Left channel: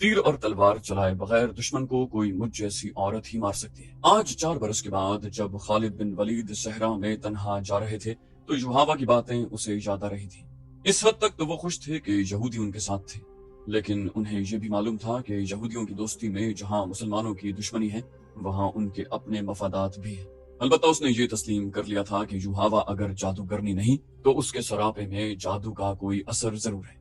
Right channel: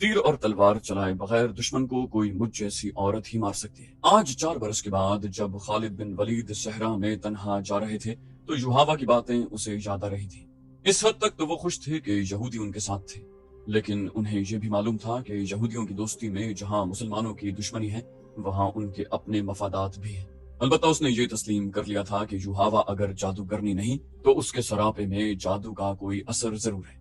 تیر اور تلوار چلائے بغیر دشمن کو کوئی مجھ جیسی عورت ہی مار سکتی ہے۔ آج 4 برس کے بعد جب خالد بن ولید صحرا میں تنہا جا رہے تھے تو یوحاوا کی باتیں اسے یاد آ رہی تھی۔ اس حد تک تو وہ خوش تھے کہ یہودی ان کے ساتھ تھے، لیکن انہیں یہ بھی معلوم تھا کہ یہودیوں کی دوستی میں جہاں مسلمانوں کی دشمنی ہے وہاں ان کے اپنے مفادات بھی ہیں۔ البتہ اس نے یہ تسلیم کر لیا تھا کہ یوحاوا اگر جادوگرنی نہیں تو اس کے سراپے میں جادو کا کوئی اثر ضرور ہے۔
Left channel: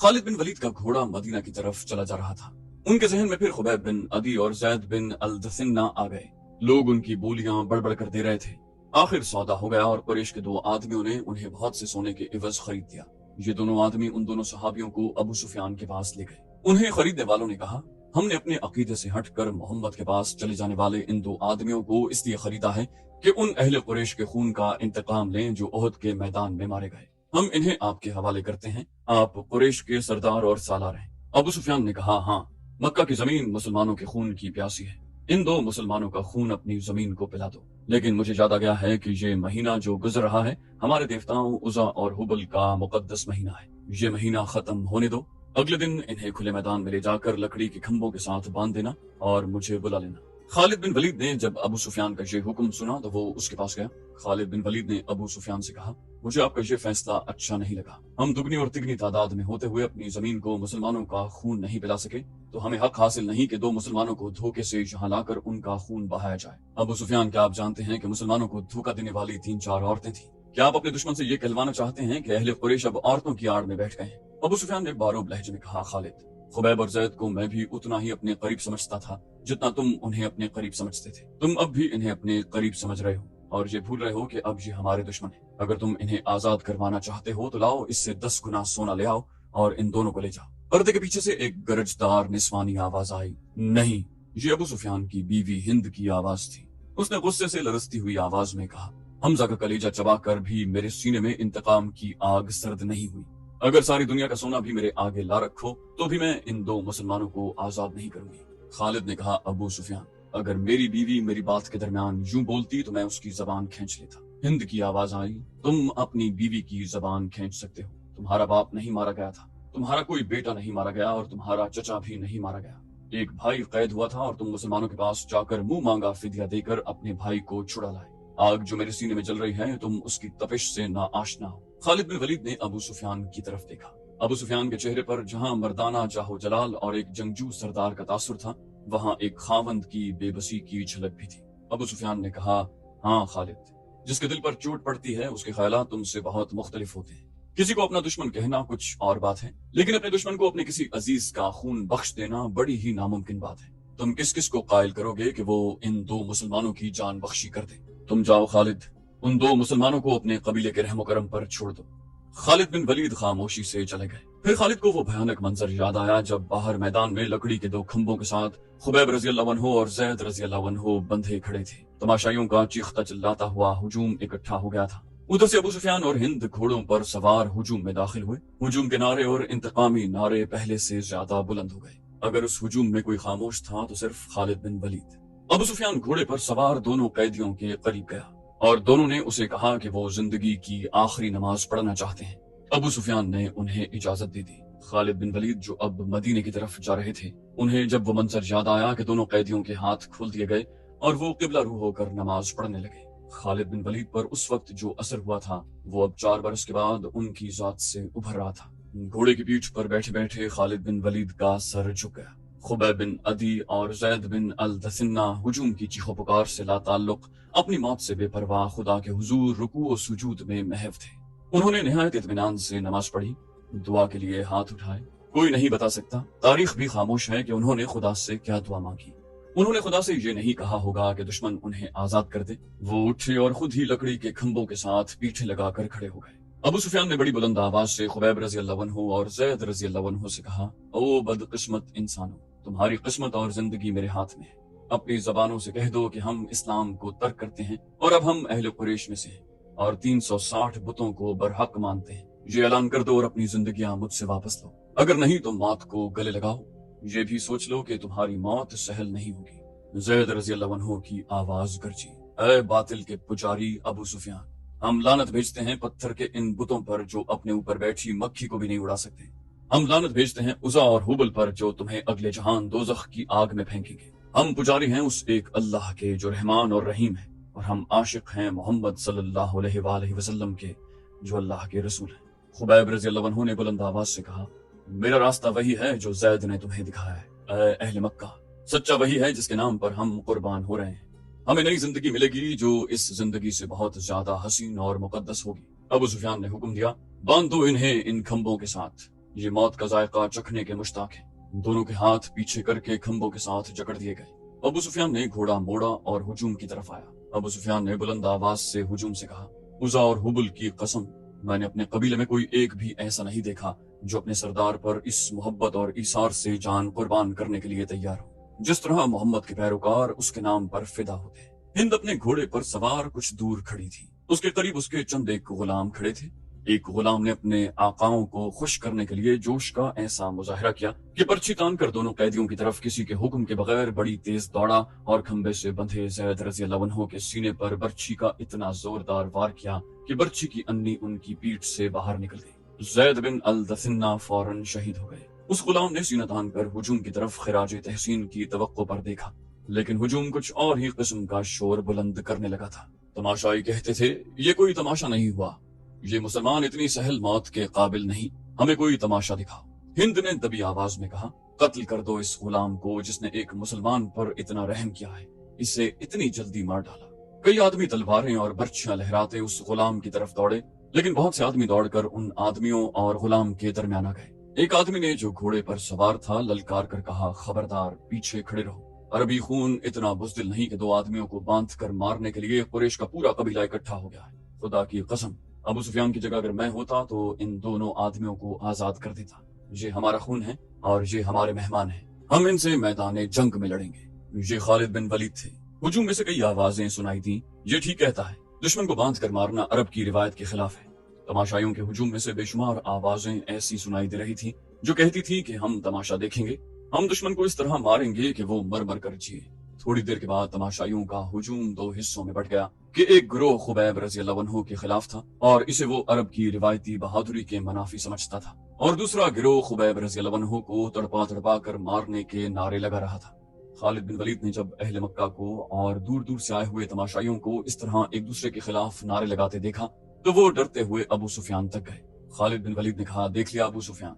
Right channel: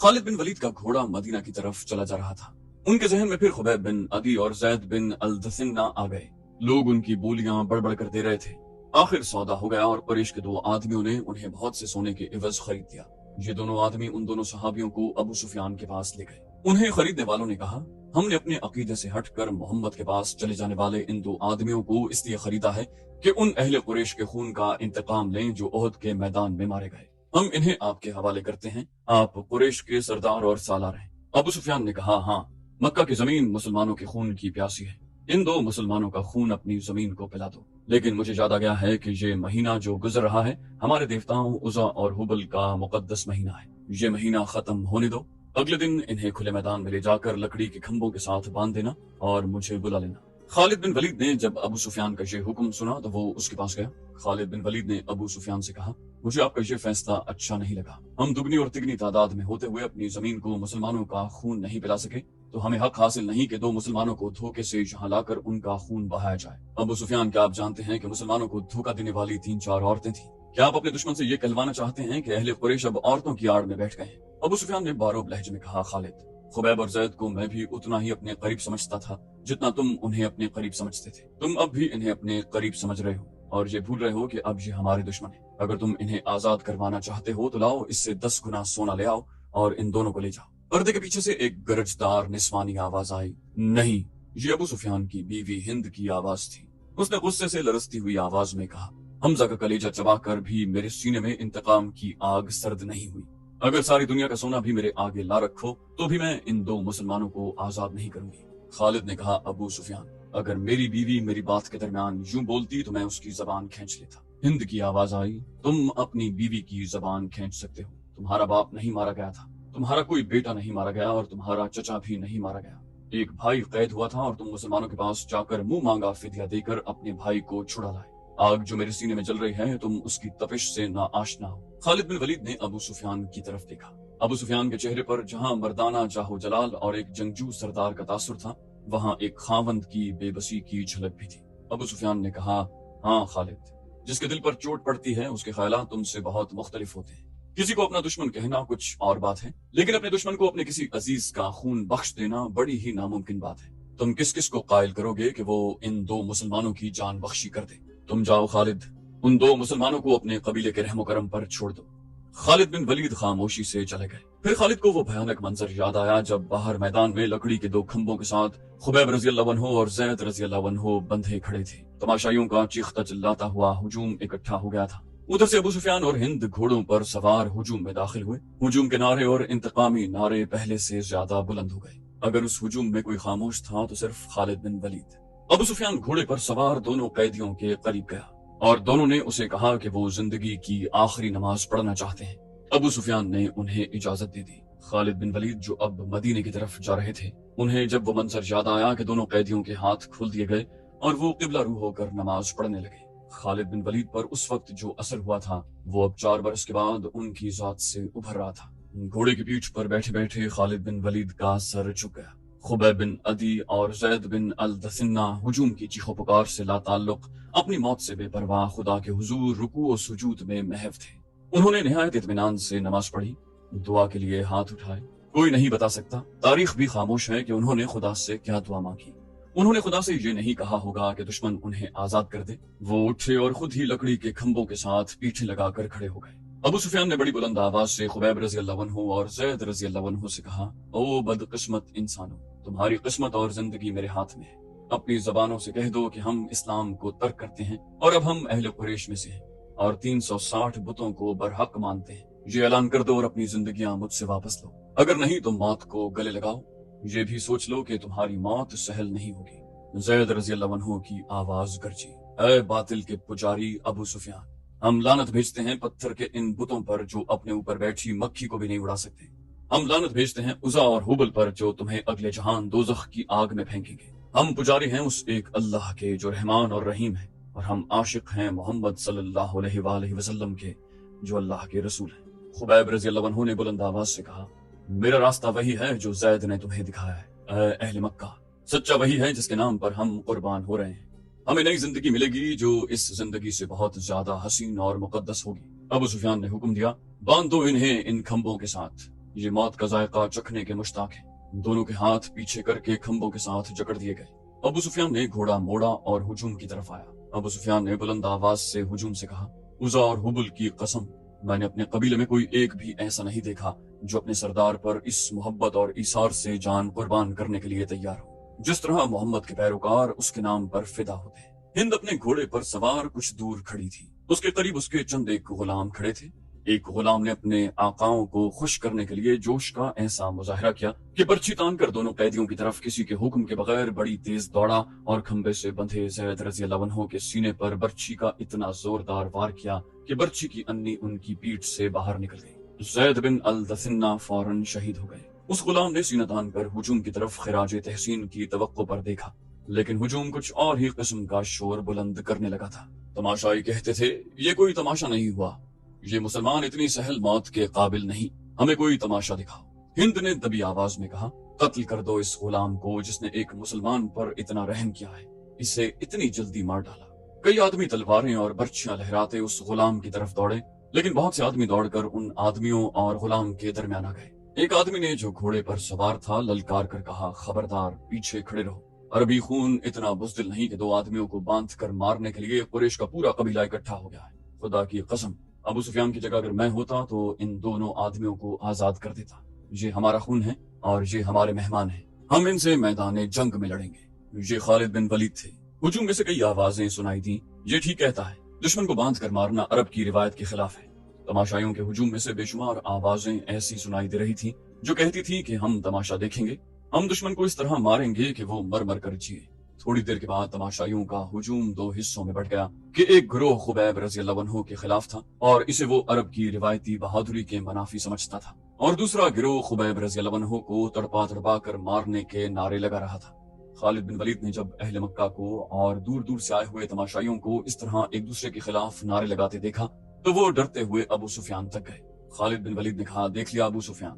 خالد بن ولید کا گھوڑا مدینہ کی طرف چلا جا رہا تھا۔ ان کے ذہن میں پھر خبیب بن عدی اور زید بن الدثنہ آ گئے۔ لوگ ان کی بولیاں بڑبڑ کر دے رہے تھے۔ آخر سودا ہو گیا اور قریش کے 2 آدمیوں نے انہیں بہت سے سونے کے عوض خرید دیا۔ یہ دونوں آدمی ان دونوں صحابیوں کو ابو سفیان کے پاس لے گئے۔ انہیں خریدنے والوں نے کہا، ہم نے اپنے عقیدے سے ہٹ کر محمد کے پاس چلے جانے والے ان 2 آدمیوں کو اس لیے خریدا ہے کہ ان اہل قریش کے خون کا انتقام لیں جو احد کے میدان میں مارے گئے۔ ہم انہیں آپ کے حوالے کرتے ہیں، آپ قریش کے سردار اور سالار ہیں۔ ابو سفیان نے کہا، ہاں، مکہ کی زمین مسلمانوں کے خون کی پیاسی ہے، ان 2 مسلمانوں کا خون اپنی زمین کو پلا دو۔ لیکن مجھے یاد آ گیا ہے کہ یہ مہینہ جو گزر رہا ہے ہمارے دیوتاؤں عزا اور حبل کا مقدس مہینہ ہے، یہ مہینہ ختم ہونے دو، اگلے دن انہیں کھلے میدان میں لے جا کر لکڑی کے کھمبوں کے ساتھ باندھ دینا اور مجھے بلا لینا۔ خالد بن ولید نے جب ابو سفیان کا یہ حکم سنا تو وہ اس کے پاس گیا۔ خالد بن ولید نے ابو سفیان سے کہا، مجھے آپ کا یہ فیصلہ اچھا نہیں لگا۔ ہم دگنی اور تگنی تعداد میں ہوتے ہوئے اپنی زمین کو مسلمانوں کا خون نہیں پلا سکے تو ہمیں حق حاصل نہیں کہ 2 مسلمانوں کو دھوکے سے یہاں لا کر ان کا خون بہایا جائے۔ ابو سفیان، کیا آپ جانتے ہیں کہ مسلمانوں کو دھوکہ دینے والی 3-4 عورتیں تھیں؟ کیا آپ اپنے دشمن سے یہ کہلوانا چاہتے ہیں کہ اہل قریش اب عورتوں کی آڑ میں بیٹھ گئے ہیں؟ ابو سفیان نے باروب لہجے میں کہا، خالد، خبیب اور زید کو میں بھی اتنا ہی اپنے قریب سمجھتا تھا جتنا تم انہیں اپنے قریب سمجھتے تھے۔ تم اب بھی انہیں اپنے قریب سمجھ رہے ہو اور یہ بھول رہے ہو کہ اب یہ ہمارے دشمن ہیں۔ اگر تم انہیں آزاد کروانا چاہتے ہو تو لاؤ اس سے 10 گنا سونا لے آؤ اور ان دونوں کو لے جاؤ۔ پردے کے پیچھے سے ایک گرجدار نسوانی آواز آئی، نہیں، یہ ابو سفیان کی بیوی ہند کی آواز تھی۔ اس نے غصے سے لرزتی ہوئی آواز میں کہا، حمزہ کا کلیجہ چبا کر بھی میرے سینے میں انتقام کی آگ سرد نہیں ہوئی۔ اگر ساری دنیا کا سونا بھی میرے آگے لا رکھو تو بھی میں ان 2 مسلمانوں کو آزاد نہیں کروں گی۔ خالد نے کہا، ابو سفیان، اگر میری بیوی میری بات کے درمیان یوں بولتی تو میں اس کی زبان کھینچ لیتا۔ ہند کی آواز آئی، تم اپنی بیوی کی زبان کھینچ سکتے ہو، تمہارا باپ نہیں مارا گیا تھا، تمہارا کوئی بیٹا نہیں مارا گیا اور تمہارا چچا بھی نہیں مارا گیا۔ ایک بھائی قید ہوا تھا اور تم مسلمانوں کے پاس جا کر منہ مانگا فدیہ دے کر اپنے بھائی کو چھڑا لائے۔ آگ جو میرے سینے میں جل رہی ہے تم اس کی تپش سے نا آشنا ہو۔ خالد بن ولید نے ابو سفیان کی طرف دیکھا۔ ابو سفیان کے چہرے پر جہاں مردانہ جاہو جلال اور ایک جنگجو سردار کا تاثر تھا وہاں ایک خاوند کی بے بسی کی جھلک بھی تھی۔ ابو سفیان نے کہا، ہاں خالد، جس کے دل پر چوٹ پڑتی ہے اس کے خیالات تم سے بہت مختلف ہوتے ہیں۔ کسی کو اپنا دشمن کہنا کچھ اور بات ہے، لیکن اپنے دشمن کو اپنے کسی عزیز کا خون بخش دینا بڑی ہی ناممکن بات ہے۔ تم کس کس کو قائل کرو گے کہ وہ ان 2 مسلمانوں کی جان بخشی کر دے؟ تم جاؤ خالد، ان 2 مسلمانوں کو اپنے قبیلے کے رحم و کرم پر چھوڑ دو۔ خالد بن ولید خاموشی سے چلے گئے۔ پھر خالد کو وہ بھیانک منظر یاد آیا جب باہر میدان میں لکڑی کے 2 کھمبوں کے ساتھ خبیب رضی اللہ عنہ اور زید رضی اللہ عنہ بندھے کھڑے تھے۔ تماشائیوں کا چیختا چلاتا ہوا ہجوم اکٹھا ہو گیا تھا۔ ادھر سے ابو سفیان اور ہند گھوڑوں پر سوار ہجوم میں داخل ہوئے۔ ہجوم کے نعرے اور انتقامی نعرے پہلے سے زیادہ بلند ہو گئے۔ اگر اس ہجوم میں کوئی خاموش تھا تو صرف خالد بن ولید۔ ابو سفیان گھوڑے پر سوار دونوں قیدیوں کے قریب گیا اور دونوں نے اسے کہا کہ وہ زندگی کی آخری نماز پڑھنا چاہتے ہیں۔ ابو سفیان نے انہیں اجازت دے دی۔ خالد بن ولید جو اب مدینے کی طرف جا رہے تھے، انہیں جب وہ منظر یاد آیا کہ دونوں قیدیوں کے ہاتھ کھول دیے گئے اور وہ قبلہ رو ہو کر نماز پڑھنے لگے۔ خالد بن ولید پر اس وقت جو اثر ہوا تھا وہ اب 4 برس کے بعد ان کی ذات سے ابھر رہا تھا۔ گھوڑے کی پیٹھ پر بیٹھے بیٹھے خالد بن ولید کا سر جھک گیا۔ خبیب بن عدی اور زید بن الدثنہ ہجوم کی چیخو پکار سے لا تعلق اپنی موت سے بے پرواہ خدا کے حضور رکوع و سجود میں محو تھے۔ انہوں نے نہایت اطمینان سے نماز پڑھی، دعا کے لیے ہاتھ اٹھائے۔ کوئی نہیں بتا سکتا، تاریخ بھی خاموش ہے کہ انہوں نے خدا سے کیا دعا مانگی۔ انہوں نے خدا سے یہ نہیں کہا ہوگا کہ دشمن انہیں آزاد کر دے۔ وہ اٹھے اور خود ہی لکڑی کے کھمبوں کے ساتھ پیٹھیں لگا کر کھڑے ہو گئے۔ ابو سفیان نے بڑی بلند آواز سے خبیب رضی اللہ عنہ اور زید رضی اللہ عنہ سے کہا، او بدقسمت انسانوں، تمہاری قسمت اور زندگی میرے ہاتھ میں ہے۔ اپنی زبانوں سے کہہ دو کہ ہم اسلام کو ترک کرتے ہیں اور اب ہم اہل قریش میں سے ہیں اور 360 بتوں کو برحق مانتے ہیں۔ یہ اعلان کر دو اور اپنی زندگیاں مجھ سے واپس لو، اگر نہیں تو موت کو گلے لگاؤ۔ یہ بھی سوچ لو کہ تمہاری موت سہل نہیں ہوگی۔ زید رضی اللہ عنہ کی آواز گرجی، اے باطل کے پجاری ابو سفیان، ہم لعنت بھیجتے ہیں پتھر کے ان بتوں پر جو اپنے اوپر بیٹھی مکھی کو بھی نہیں اڑا سکتے۔ ہم لعنت بھیجتے ہیں عزا اور حبل پر جو تمہیں اگلے جہان دوزخ کی آگ میں پھینکیں گے۔ ہم پجاری ہیں اس ایک اللہ کے جو رحمان اور رحیم ہے، اور ہم عاشق ہیں محمد صلی اللہ علیہ وآلہ وسلم کے جو اللہ کے رسول ہیں۔ خبیب رضی اللہ عنہ نے بلند آواز سے کہا، میرا راستہ وہی ہے جو زید نے تمہیں دکھایا ہے۔ اے اہل مکہ، سچا وہی ہے جس کے نام پر ہم قربان ہو رہے ہیں۔ ہمیں نئی زندگی ملے گی جو اس زندگی سے بہت زیادہ حسین اور مقدس ہوگی۔ ابو سفیان نے حکم دیا، باندھ دو انہیں ان کھمبوں کے ساتھ، یہ موت کا ذائقہ چکھنے کے مشتاق ہیں۔ دونوں کے ہاتھ پیچھے کر کے کھمبوں کے ساتھ جکڑ دیے گئے۔ ابو سفیان نے گھوڑا موڑا اور ہجوم کی طرف آیا۔ ابو سفیان نے بلند آواز سے ہجوم سے کہا، عزا اور حبل کی قسم، میں نے اپنے قبیلے میں کوئی ایک بھی ایسا نہیں دیکھا جو اپنے سردار پر اس محبت اور ایثار سے جان قربان کرنے کے لیے تیار ہو جس طرح محمد کے پیروکار اس کے نام پر فدا ہوتے ہیں۔ ہند اپنے گھوڑے پر سوار کچھ دور کھڑی تھی۔ اس کے قریب اس کے چند ایک غلام کھڑے تھے۔ ایک غلام نے اپنے آقاؤں کو خوش کرنے کے لیے جوش کا ایسا مظاہرہ کیا کہ برچھی تان کر دونوں قیدیوں کی طرف کسی کے حکم کے بغیر بڑی تیز دوڑا اور کھمبے سے بندھے زید رضی اللہ عنہ کے سینے پر برچھی کا اتنا زوردار وار کیا کہ برچھی کی انی ان کی پیٹھ سے باہر نکل گئی۔ زید بن الدثنہ فوراً شہید ہو گئے۔ اس غلام نے سینہ تان کر ہجوم کی طرف خراج تحسین کی توقع پر دیکھا، لیکن ہجوم کچھ اور ہی قسم کا شور بلند کرنے لگا تھا۔ تماشائی کہتے تھے، یہ کوئی تماشا نہیں ہوا، یہ مسلمان اتنی سہل موت کے قابل نہیں، ہمیں کوئی تماشا دکھاؤ۔ ہند نے دبی آواز میں کہا، قتل کر دو اس غلام کو جس نے ایک مسلمان پر اتنا رحم کیا ہے، اسے اتنی جلدی مار ڈالا۔ کئی آدمی تلواریں اور برچھیاں لہراتے اس غلام کی طرف دوڑے، لیکن بہت سے آدمی دوڑ کر ان آدمیوں اور غلام کے درمیان آ گئے۔ ایک آدمی نے جو گھوڑے پر سوار تھا للکار کر کہا، خبردار، پیچھے کھڑے رہو۔ عربی خون اتنا بزدل نہیں کہ دو آدمیوں کو باندھ کر مارنے کے لیے قریش کا پورا قبیلہ اکٹھا ہو گیا ہے۔ خدا کی قسم، ابو سفیان کی جگہ اگر میں ہوتا تو ان دونوں آدمیوں کو آزاد کر دیتا۔ یہ ہمارا خون ہے اور یہ ہمارے مہمان ہیں، ہم ان سے میدان جنگ میں لڑیں گے۔ یہ خالد بن ولید تھے۔ ہجوم میں سے کئی آوازیں سنائی دیں، یہ ٹھیک کہتا ہے، دشمن کو باندھ کر مارنا عرب کی روایت کے خلاف ہے۔ تماشائیوں کے ہجوم میں سے بے شمار آوازیں ایسی سنائی دے رہی تھی جو کہتی تھی کہ ہم تماشا دیکھیں گے، ہم دشمن کو اس طرح ماریں گے کہ وہ مر مر کر جیے۔ تھوڑی دیر کے بعد تماشائیوں کا ہجوم دو حصوں میں بٹ گیا کہ ایک گروہ خبیب رضی اللہ عنہ کے خلاف تھا اور اسے وہ عرب کی روایتی بہادری کے منافی سمجھتا تھا، اور دوسرا گروہ خبیب رضی اللہ عنہ کو تڑپا تڑپا کر مارنے کے نعرے لگا رہا تھا۔ خالد بن ولید نے جب اہل مکہ کو اور دور دور سے آئے ہوئے تماشائیوں کو اس طرح ایک دوسرے کے خلاف نعرے لگاتے دیکھا تو وہ ڈرتے ہوئے ابو سفیان تک گئے۔ خالد بن ولید نے کہا، دیکھ لیا ابو سفیان،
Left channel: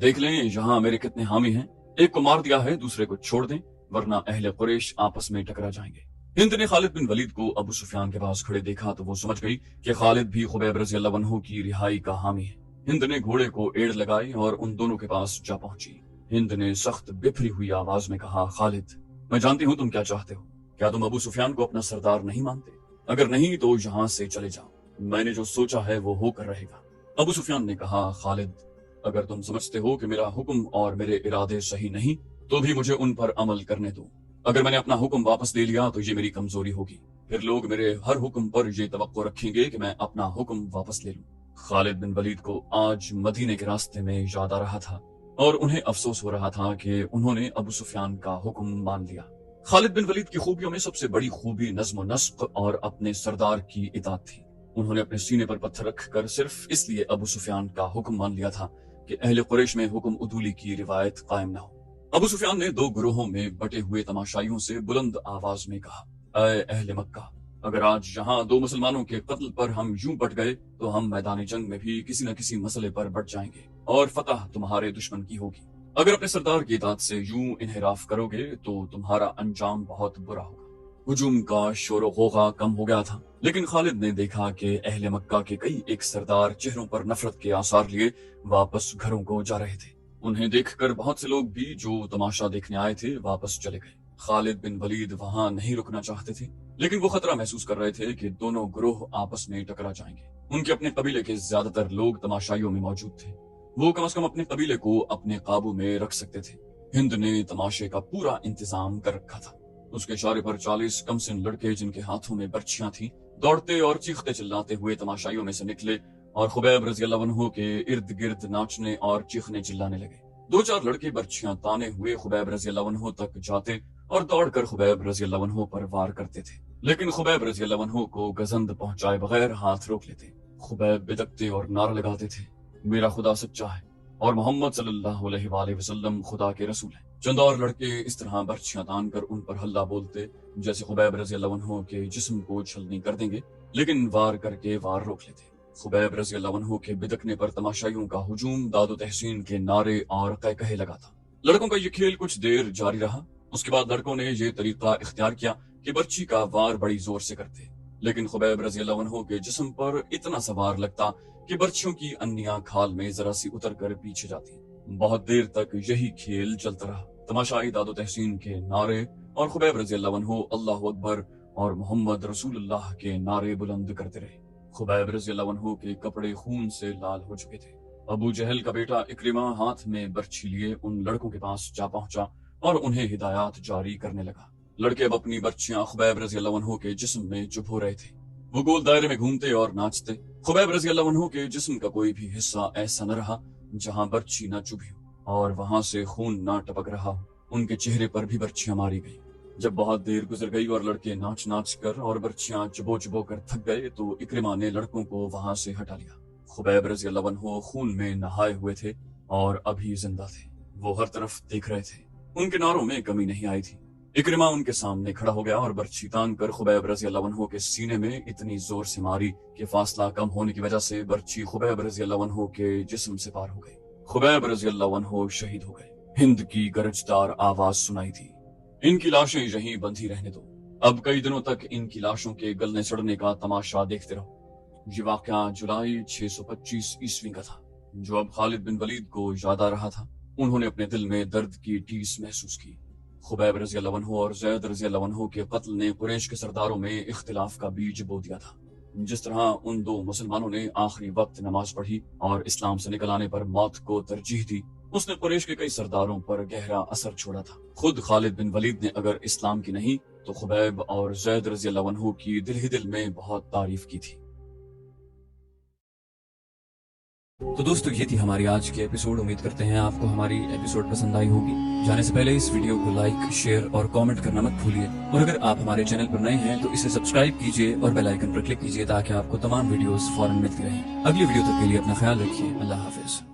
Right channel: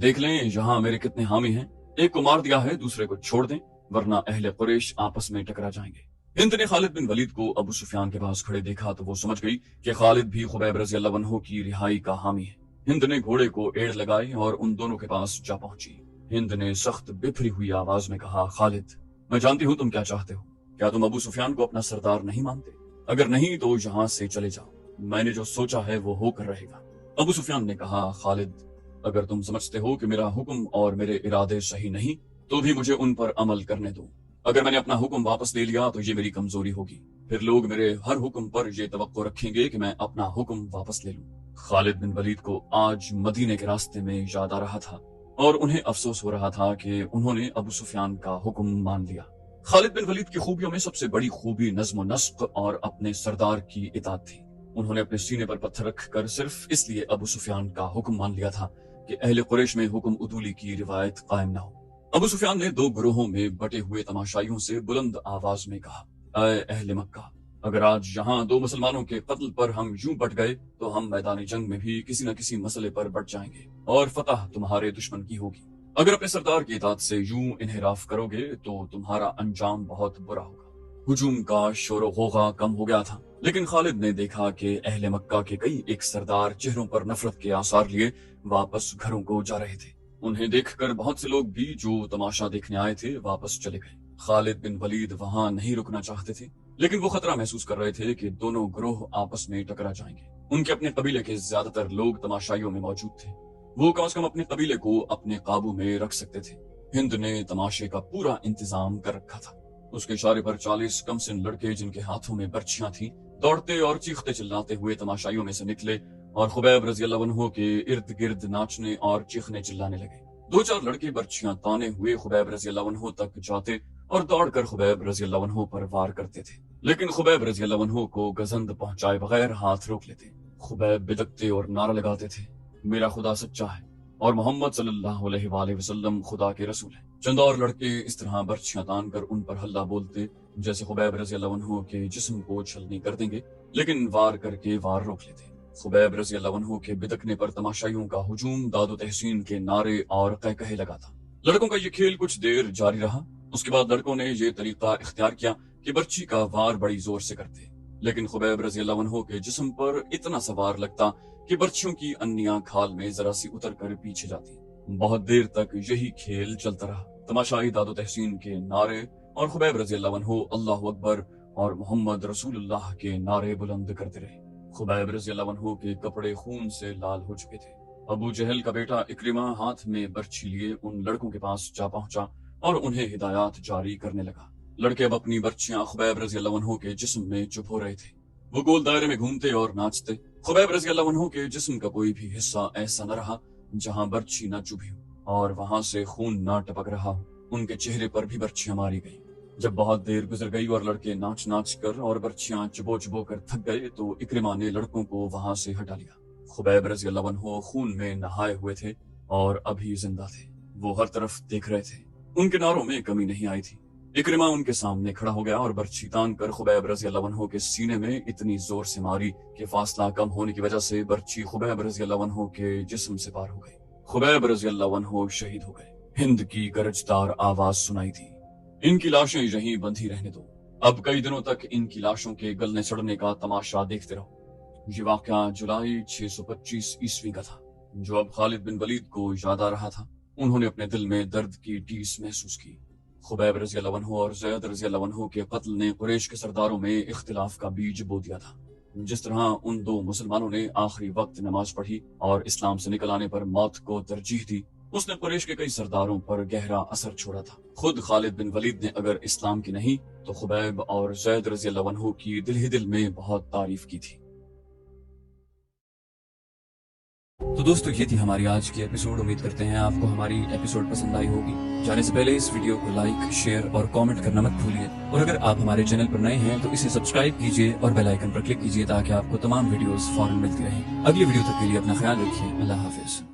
دیکھ لیں یہاں میرے کتنے حامی ہیں، ایک کو مار دیا ہے دوسرے کو چھوڑ دیں ورنہ اہل قریش آپس میں ٹکرا جائیں گے۔ ہند نے خالد بن ولید کو ابو سفیان کے پاس کھڑے دیکھا تو وہ سمجھ گئی کہ خالد بھی خبیب رضی اللہ عنہ کی رہائی کا حامی ہے۔ ہند نے گھوڑے کو ایڑ لگائی اور ان دونوں کے پاس جا پہنچی۔ ہند نے سخت بپھری ہوئی آواز میں کہا، خالد، میں جانتی ہوں تم کیا چاہتے ہو، کیا تم ابو سفیان کو اپنا سردار نہیں مانتے؟ اگر نہیں تو یہاں سے چلے جاؤ، میں نے جو سوچا ہے وہ ہو کر رہے گا۔ ابو سفیان نے کہا، خالد، اگر تم سمجھتے ہو کہ میرا حکم اور میرے ارادے صحیح نہیں تو بھی مجھے ان پر عمل کرنے دو۔ اگر میں نے اپنا حکم واپس لے لیا تو یہ میری کمزوری ہوگی، پھر لوگ میرے ہر حکم پر یہ توقع رکھیں گے کہ میں اپنا حکم واپس لے لوں۔ خالد بن ولید کو آج مدینے کے راستے میں یاد آ رہا تھا اور انہیں افسوس ہو رہا تھا کہ انہوں نے ابو سفیان کا حکم مان لیا۔ خالد بن ولید کی خوبیوں میں سب سے بڑی خوبی نظم و نسق اور اپنے سردار کی اطاعت تھی۔ انہوں نے اپنے سینے پر پتھر رکھ کر صرف اس لیے ابو سفیان کا حکم مان لیا تھا کہ اہل قریش میں حکم عدولی کی روایت قائم نہ ہو۔ ابو سفیان نے دو گروہوں میں بٹے ہوئے تماشائیوں سے بلند آواز میں کہا، اے اہل مکہ، اگر آج یہاں دو مسلمانوں کے قتل پر ہم یوں بٹ گئے تو ہم میدان جنگ میں بھی کسی نہ کسی مسئلے پر بٹ جائیں گے اور فتح تمہارے دشمن کی ہوگی۔ اگر اپنے سردار کی اطاعت سے یوں انحراف کرو گے تو تمہارا انجام بہت برا ہوگا۔ ہجوم کا شور و غوغا کم ہو گیا تھا، لیکن خالد نے دیکھا کہ اہل مکہ کے کئی ایک سردار چہروں پر نفرت کے آثار لیے واپس گھروں کو جا رہے تھے۔ انہیں دیکھ کر بہت سے لوگ بھی جو تماشا دیکھنے آئے تھے واپس چلے گئے۔ خالد بن ولید وہاں نہیں رکنا چاہتے تھے، لیکن وہ خطرہ محسوس کر رہے تھے کہ دونوں گروہ آپس میں ٹکرا جائیں گے۔ ان کے اپنے قبیلے کے زیادہ تر لوگ تماشائیوں میں موجود تھے، وہ کم از کم اپنے قبیلے کو اپنے قابو میں رکھ سکتے تھے۔ ہند نے تماشے کا پورا انتظام کر رکھا تھا۔ اس کے اشارے پر 40 کم سن لڑکے جن کے ہاتھوں میں برچھیاں تھیں دوڑتے اور چیختے چلاتے ہوئے تماشائیوں میں سے نکلے اور خبیب رضی اللہ عنہ کے ارد گرد ناچنے اور چیخنے چلانے لگے۔ دو چار لڑکے برچھیاں تانے ہوئے خبیب رضی اللہ عنہ تک جاتے اور دوڑ کر خبیب رضی اللہ عنہ پر وار کرتے تھے، لیکن خبیب رضی اللہ عنہ کو گزند پہنچائے بغیر ہاتھ روک لیتے۔ خبیب بدکتے اور نعرہ لگاتے تھے، میرا خدا سچا ہے، اور محمد صلی اللہ علیہ وآلہ وسلم خدا کے رسول ہیں۔ چند اور لڑکے اس طرح برچیاں تان کر ان پر ہلہ بولتے جیسے خبیب رضی اللہ عنہ کے جسم کو چھلنی کر دیں گے، لیکن وار کر کے وار روک لیتے۔ خبیب رضی اللہ عنہ کے بدکنے پر تماشائیوں کا ہجوم داد و تحسین کے نعرے اور قہقہے لگاتا۔ لڑکوں کا یہ کھیل کچھ دیر جاری رہا۔ اس کے بعد لڑکوں نے یہ طریقہ اختیار کیا کہ برچی کا وار بڑی زور سے کرتے، لیکن خبیب رضی اللہ عنہ کے جسم پر اتنا سوار لگتا کہ برچیوں کی انیاں کھال میں ذرا سی اتر کر پیچھے جاتی۔ بہت دیر تک یہی کھیل چلتا رہا۔ تماشائی داد و تحسین کے نعرے اور خبیب رضی اللہ عنہ اللہ اکبر اور محمد رسول اللہ کے نعرے بلند کرتے رہے۔ خبیب رضی اللہ عنہ کے کپڑے خون سے لال ہو چکے تھے۔ ابو جہل کا بیٹا اکرمہ ہاتھ میں برچھی لیے ان لڑکوں کے پاس جا پہنچا اور انہیں ہدایات جاری کرنے لگا۔ لڑکے اب اپنی برچیاں خبیب رضی اللہ عنہ کے جسم میں چپ ہو رہے تھے۔ وہ گول دائرے میں گھومتے اور ناچتے۔ خبیب رضی اللہ عنہ کے جسم کا کوئی بھی حصہ ایسا نہ رہا جہاں برچھی نہ چبھی ہو اور وہاں سے خون نہ ٹپک رہا ہو۔ ان کے چہرے پر بھی برچیاں ماری گئیں۔ جب بہت دیر گزر گئی اور لڑکے ناچ ناچ کر اور برچیاں چبو چبو کر تھک گئے تو اکرمہ نے لڑکوں کو وہاں سے ہٹا لیا۔ خبیب رضی اللہ عنہ خون میں نہائے ہوئے تھے اور ابھی زندہ تھے۔ وہ ہر طرف دیکھ رہے تھے۔ ان کے نعروں میں کمی نہیں آئی تھی۔ اکرمہ ان کے سامنے کھڑا ہو گیا اور برچھی تان کر خبیب رضی اللہ عنہ کے سینے میں اتنی زور سے ماری کہ فاصلہ کم ہونے کی وجہ سے برچھی خبیب رضی اللہ عنہ کے جسم سے پار ہو گئی۔ خبیب رضی اللہ عنہ شہید ہو گئے۔ ہند کی گرجدار آواز سنائی تھی، ان کی لاشیں یہیں بندھی رہنے دو، اب کئی دنوں تک ان کی لاشوں کے گلنے سڑنے کا تماشا دیکھتے رہو۔ یہ واقعہ جولائی 625 عیسوی کا تھا، جو اب خالد بن ولید کو یاد آ رہا تھا۔ انہوں نے اپنے دل میں درد کی ٹھیس محسوس کی۔ خبیب رضی اللہ عنہ اور زید رضی اللہ عنہ کے قتل نے قریش کے سرداروں میں اختلاف کا بیج بو دیا تھا۔ جس طرح ان دو مسلمانوں نے آخری وقت نماز پڑھی اور اسلام سے نکل آنے پر موت کو ترجیح دی، اس نے قریش کے کئی سرداروں پر گہرا اثر چھوڑا تھا۔ خود خالد بن ولید نے اگر اسلام کی نہیں تو خبیب اور زید رضی اللہ عنہ کی دل ہی دل میں بہت تعریف کی تھی۔ تو دوستو یہ تھی ہماری آج کی ایپیسوڈ۔ امید کرتے ہیں آپ کو ہماری ایپیسوڈ پسند آئی ہوگی۔ جانے سے پہلے اس ویڈیو کو لائک، شیئر اور کامنٹ کرنا مت بھولیے، اور اگر آپ ہمارے چینل پر نئے ہیں تو اسے سبسکرائب کیجیے اور بیل آئیکن پر کلک کیجیے تاکہ آپ کو تمام ویڈیوز فوراً ملتی رہیں۔ اگلی ویڈیو تک کے لیے اپنا خیال رکھیے۔ اللہ حافظ۔